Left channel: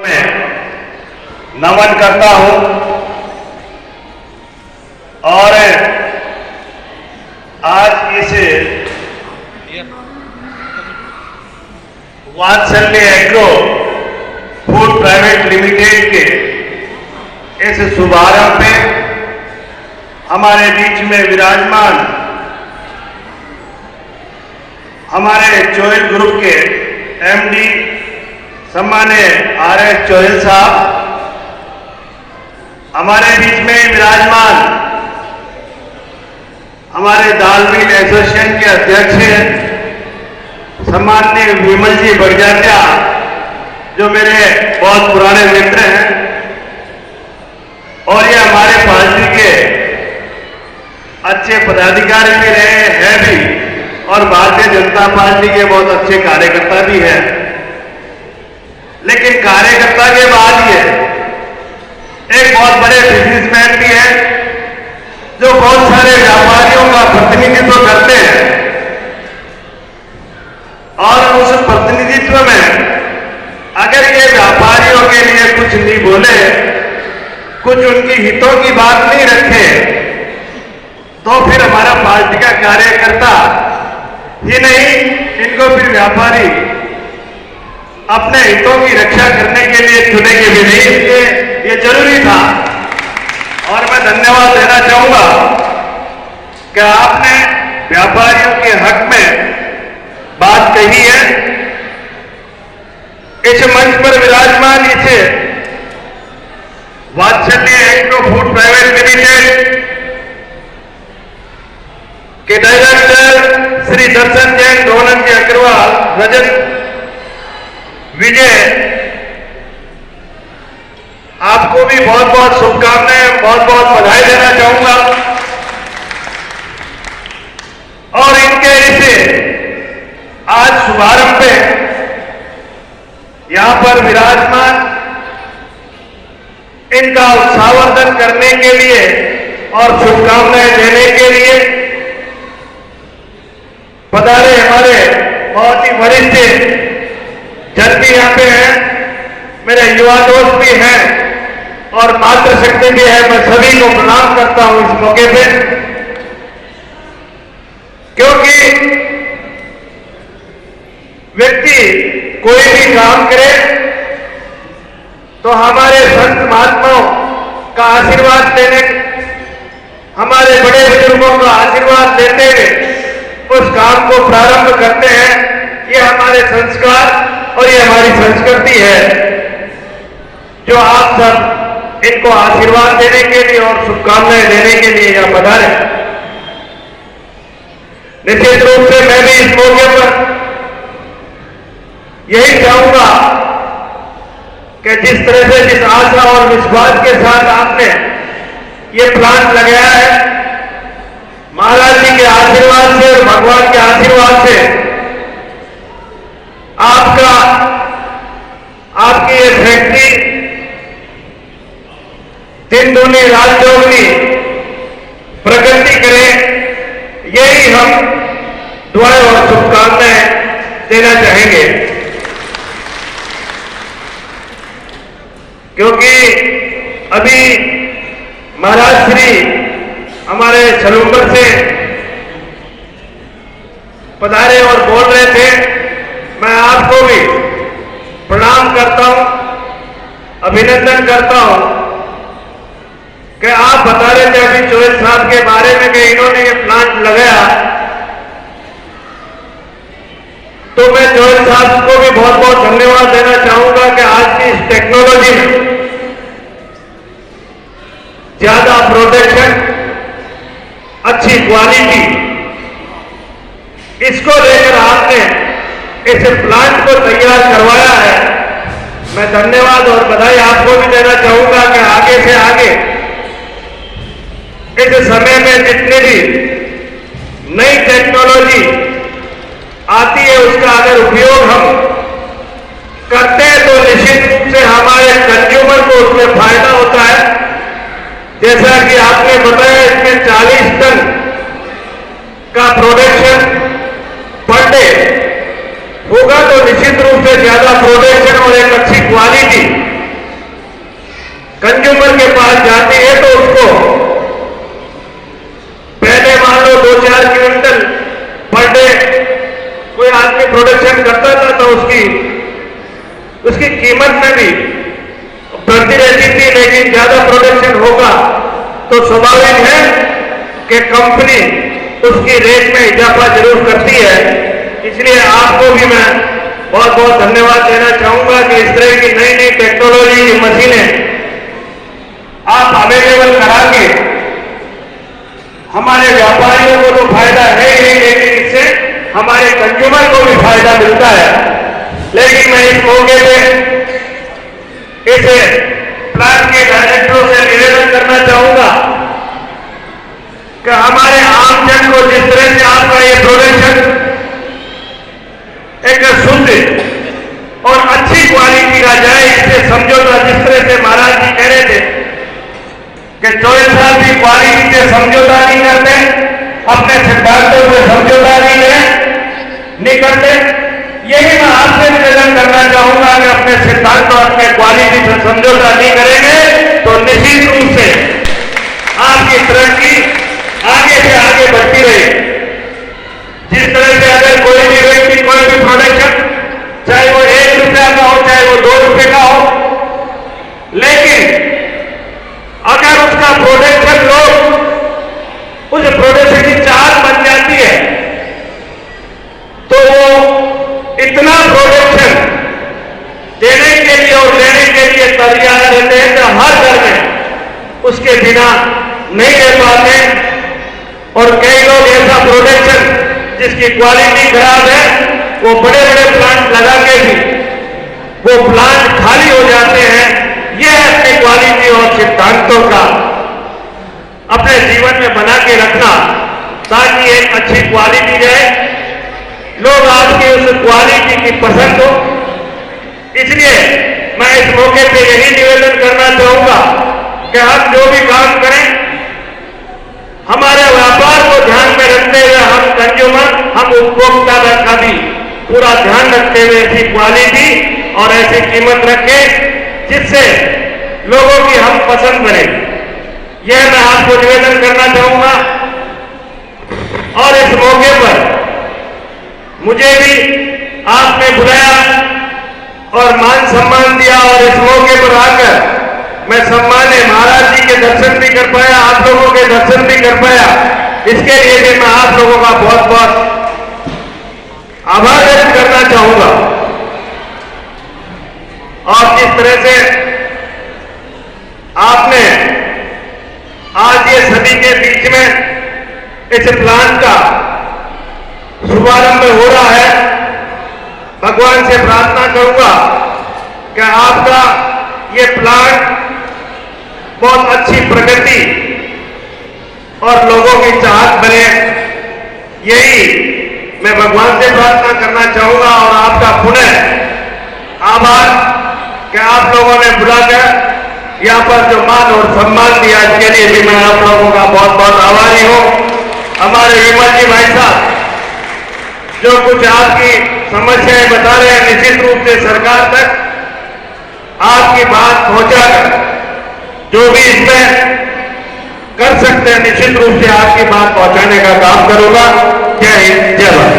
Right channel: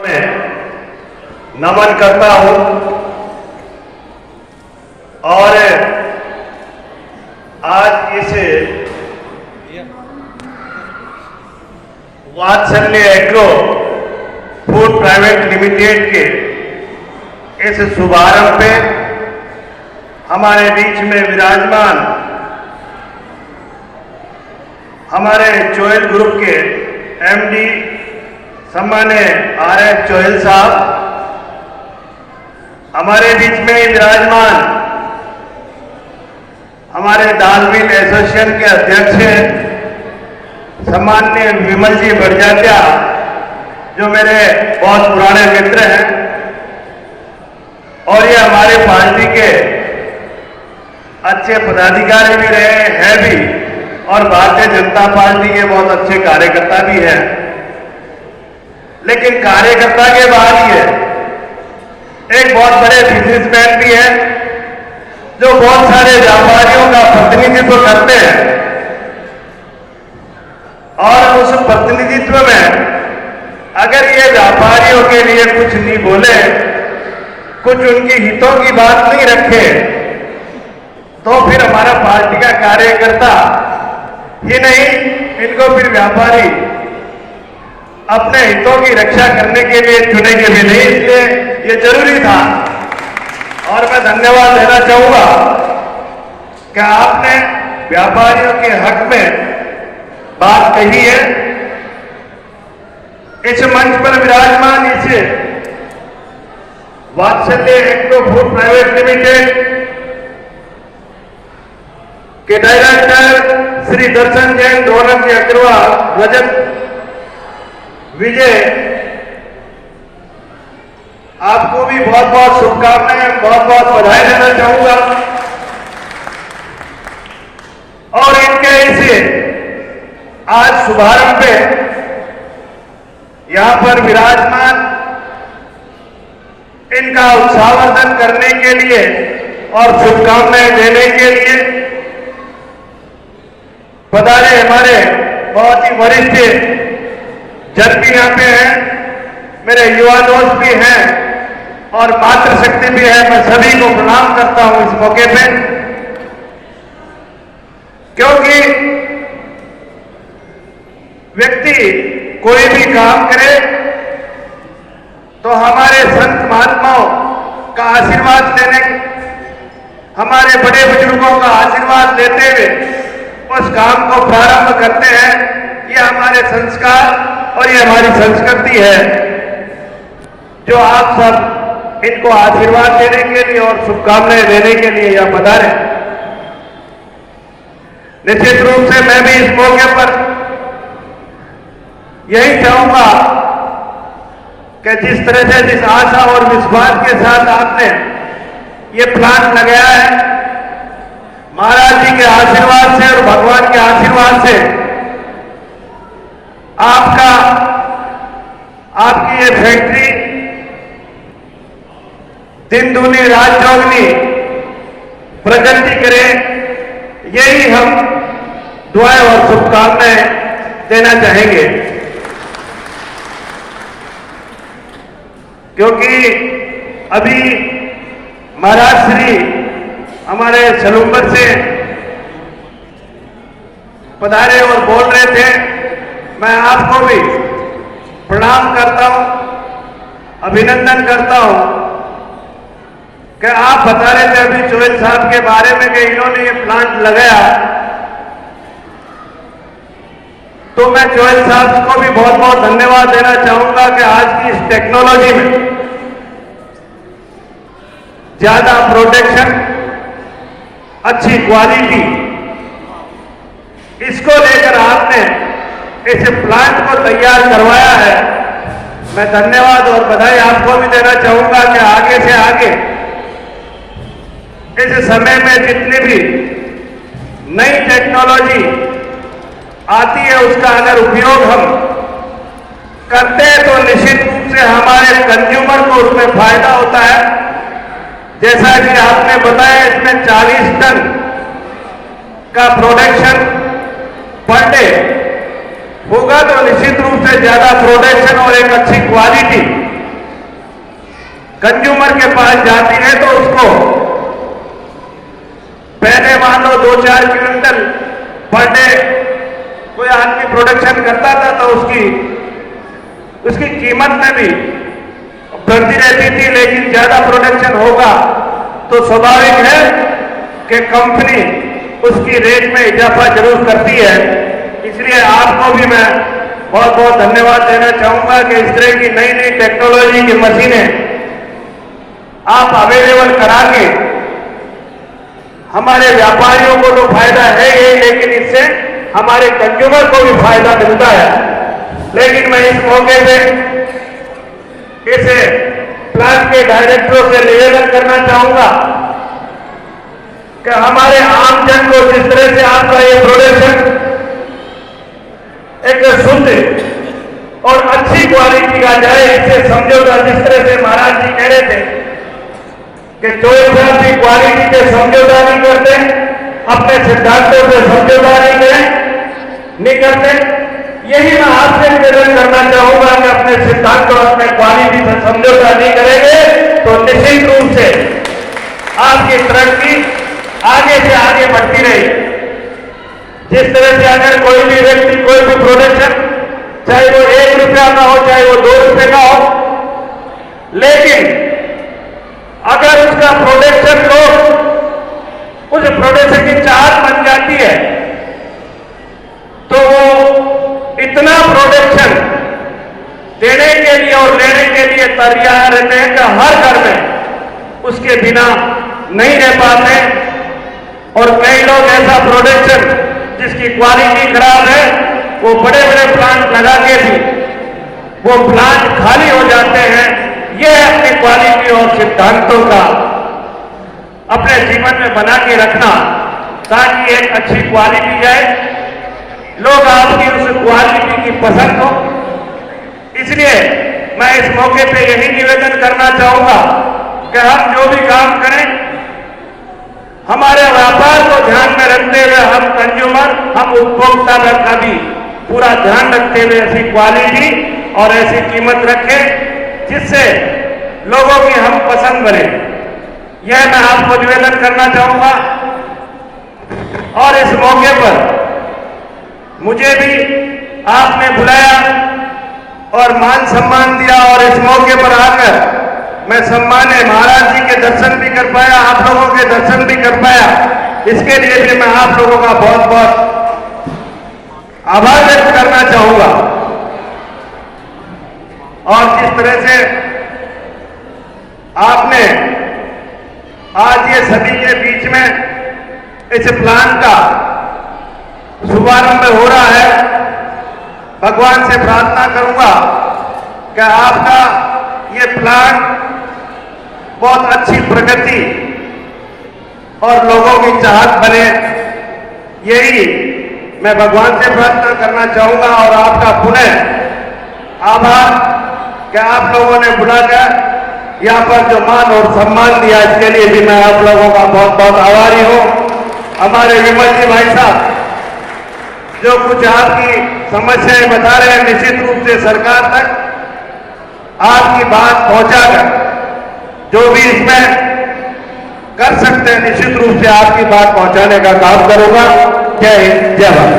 नमन करता हूं और आज इस वात्सल्य एग्रो फूड प्राइवेट लिमिटेड के इस शुभारंभ पे हमारे बीच में विराजमान हमारे चोइल ग्रुप के एमडी सम्मान्य आर.एस. चोइल साहब, हमारे बीच में विराजमान हमारे दालवीर एसोसिएशन के अध्यक्ष सम्मान्य विमल जी बड़जात्या, जो मेरे बहुत पुराने मित्र हैं और ये हमारे पार्टी के अच्छे पदाधिकारी भी रहे हैं भी और भारतीय जनता पार्टी के बहुत अच्छे कार्यकर्ता भी हैं। लेकिन कार्यकर्ता के बाद ये एक बहुत बड़े बिजनेसमैन भी है जो बहुत सारे व्यापारियों का प्रतिनिधित्व करते हैं और उस प्रतिनिधित्व में अगर ये व्यापारियों के लिए कुछ नहीं बोले, कुछ उनकी हितों की बात नहीं रखे, तो फिर हमारा पार्टी का कार्यकर्ता ही नहीं, इनको फिर व्यापारी अपने हितों की रक्षा करने के लिए चुनेंगे भी नहीं। इसलिए ये जरूरी था और मैं धन्यवाद देना चाहूंगा कि आपने व्यापारियों के हक में बात कही है। इस मंच पर विराजमान इस वात्सल्य एग्रो फूड प्राइवेट लिमिटेड के डायरेक्टर श्री दर्शन जैन, डोनम के अग्रवाल, रजत विजय, आपको भी बहुत बहुत शुभकामनाएं, बहुत बहुत बधाई देना चाहूंगा और इनके इस आज शुभारंभ पे यहां पर विराजमान इनका उत्साहवर्धन करने के लिए और शुभकामनाएं देने के लिए पधारे हमारे बहुत ही वरिष्ठ जन भी यहां पे हैं, मेरे युवा दोस्त भी हैं और मातृशक्ति भी है। मैं सभी को प्रणाम करता हूं इस मौके पे, क्योंकि व्यक्ति कोई भी काम करे तो हमारे संत महात्माओं का आशीर्वाद लेने, हमारे बड़े बुजुर्गों का आशीर्वाद लेते हुए उस काम को प्रारंभ करते हैं। ये हमारे संस्कार और ये हमारी संस्कृति है, जो आप सब इनको आशीर्वाद देने के लिए और शुभकामनाएं देने के लिए यहां पधारे। निश्चित रूप से मैं भी इस मौके पर यही चाहूंगा कि जिस तरह से, जिस आशा और विश्वास के साथ आपने ये प्लांट लगाया है, महाराज जी के आशीर्वाद से और भगवान के आशीर्वाद से आपकी ये फैक्ट्री दिन दूनी रात चौगुनी प्रगति करे, यही हम दुआएं और शुभकामनाएं देना चाहेंगे। क्योंकि अभी महाराज श्री हमारे सलूंगर से पधारे और बोल रहे थे। मैं आपको भी प्रणाम करता हूं, अभिनंदन करता हूं कि आप बता रहे थे अभी चोइल साहब के बारे में कि इन्होंने ये प्लांट लगाया, तो मैं चोइल साहब को भी बहुत बहुत धन्यवाद देना चाहूंगा कि आज की इस टेक्नोलॉजी में ज्यादा प्रोटेक्शन, अच्छी क्वालिटी, इसको लेकर आपने इस प्लांट को तैयार करवाया है। मैं धन्यवाद और बधाई आपको भी देना चाहूंगा कि आगे से आगे इस समय में जितनी भी नई टेक्नोलॉजी आती है उसका अगर उपयोग हम करते हैं तो निश्चित रूप से हमारे कंज्यूमर को उसमें फायदा होता है। जैसा कि आपने बताया, इसमें 40 टन का प्रोडक्शन पर डे होगा, तो निश्चित रूप से ज्यादा प्रोडक्शन और एक अच्छी क्वालिटी कंज्यूमर के पास जाती है तो उसको पहले मान लो 2-4 क्विंटल पर डे कोई आदमी प्रोडक्शन करता था तो उसकी कीमत में भी बढ़ती रहती थी, लेकिन ज्यादा प्रोडक्शन होगा तो स्वाभाविक है कि कंपनी उसकी रेट में इजाफा जरूर करती है। इसलिए आपको भी मैं बहुत बहुत धन्यवाद देना चाहूंगा कि इस तरह की नई नई टेक्नोलॉजी की मशीनें आप अवेलेबल करा के हमारे व्यापारियों को तो फायदा है ही, लेकिन इससे हमारे कंज्यूमर को भी फायदा मिलता है। लेकिन मैं इस मौके पे इस प्लांट के डायरेक्टरों से निवेदन करना चाहूंगा कि हमारे आम जन को जिस तरह से आपका ये प्रोडक्शन एक शुद्ध और अच्छी क्वालिटी का जाए, इससे समझौता जिस तरह से महाराज जी कह रहे थे कि 24 साल की क्वालिटी से समझौता नहीं करते, अपने सिद्धांतों से समझौता नहीं करते। यही मैं आपसे निवेदन करना चाहूंगा कि अपने सिद्धांत और अपने क्वालिटी से समझौता नहीं करेंगे तो निश्चित रूप से आपकी तरक्की आगे से आगे बढ़ती रहेगी। जिस तरह से अगर कोई भी व्यक्ति कोई भी प्रोडक्शन, चाहे वो 1 रुपया का हो चाहे वो 2 रुपए का हो, लेकिन अगर उसका प्रोडक्शन लोग उस प्रोडक्शन की चाहत बन जाती है तो वो इतना प्रोडक्शन देने के लिए और लेने के लिए तैयार रहते हैं कि हर घर में उसके बिना नहीं रह पाते। और कई लोग ऐसा प्रोडक्शन जिसकी क्वालिटी खराब है वो बड़े बड़े प्लांट लगा के भी वो प्लांट खाली हो जाते हैं। यह अपनी क्वालिटी और सिद्धांतों का अपने जीवन में बना के रखना ताकि एक अच्छी क्वालिटी जाए, लोग आपकी उस क्वालिटी की पसंद हो। इसलिए मैं इस मौके पे यही निवेदन करना चाहूंगा कि हम जो भी काम करें हमारे व्यापार को ध्यान में रखते हुए हम कंज्यूमर, हम उपभोक्ता का भी पूरा ध्यान रखते हुए ऐसी क्वालिटी और ऐसी कीमत रखें जिससे लोगों की हम पसंद करें। यह मैं आपको निवेदन करना चाहूंगा। और इस मौके पर मुझे भी आपने बुलाया और मान सम्मान दिया और इस मौके पर आकर मैं सम्मान्य महाराज जी के दर्शन भी कर पाया, आप लोगों के दर्शन भी कर पाया। इसके लिए भी मैं आप लोगों का बहुत बहुत आभार व्यक्त करना चाहूंगा। और जिस तरह से आपने आज ये सभी के बीच में इस प्लान का शुभारंभ हो रहा है, भगवान से प्रार्थना करूंगा कि आपका ये प्लान बहुत अच्छी प्रगति और लोगों की चाहत बने, यही मैं भगवान से प्रार्थना करना चाहूंगा। और आपका पुनः आभार कि आप लोगों ने बुलाकर यहाँ पर जो मान और सम्मान दिया, इसके लिए भी मैं आप लोगों का बहुत बहुत आभारी हूँ। हमारे विमल जी भाई साहब जो कुछ आपकी समस्याएं बता रहे हैं, निश्चित रूप से सरकार तक आपकी बात पहुंचाकर जो भी इसमें कर सकते हैं निश्चित रूप से आपकी बात पहुंचाने का काम करूंगा। जय हिंद, जय भारत।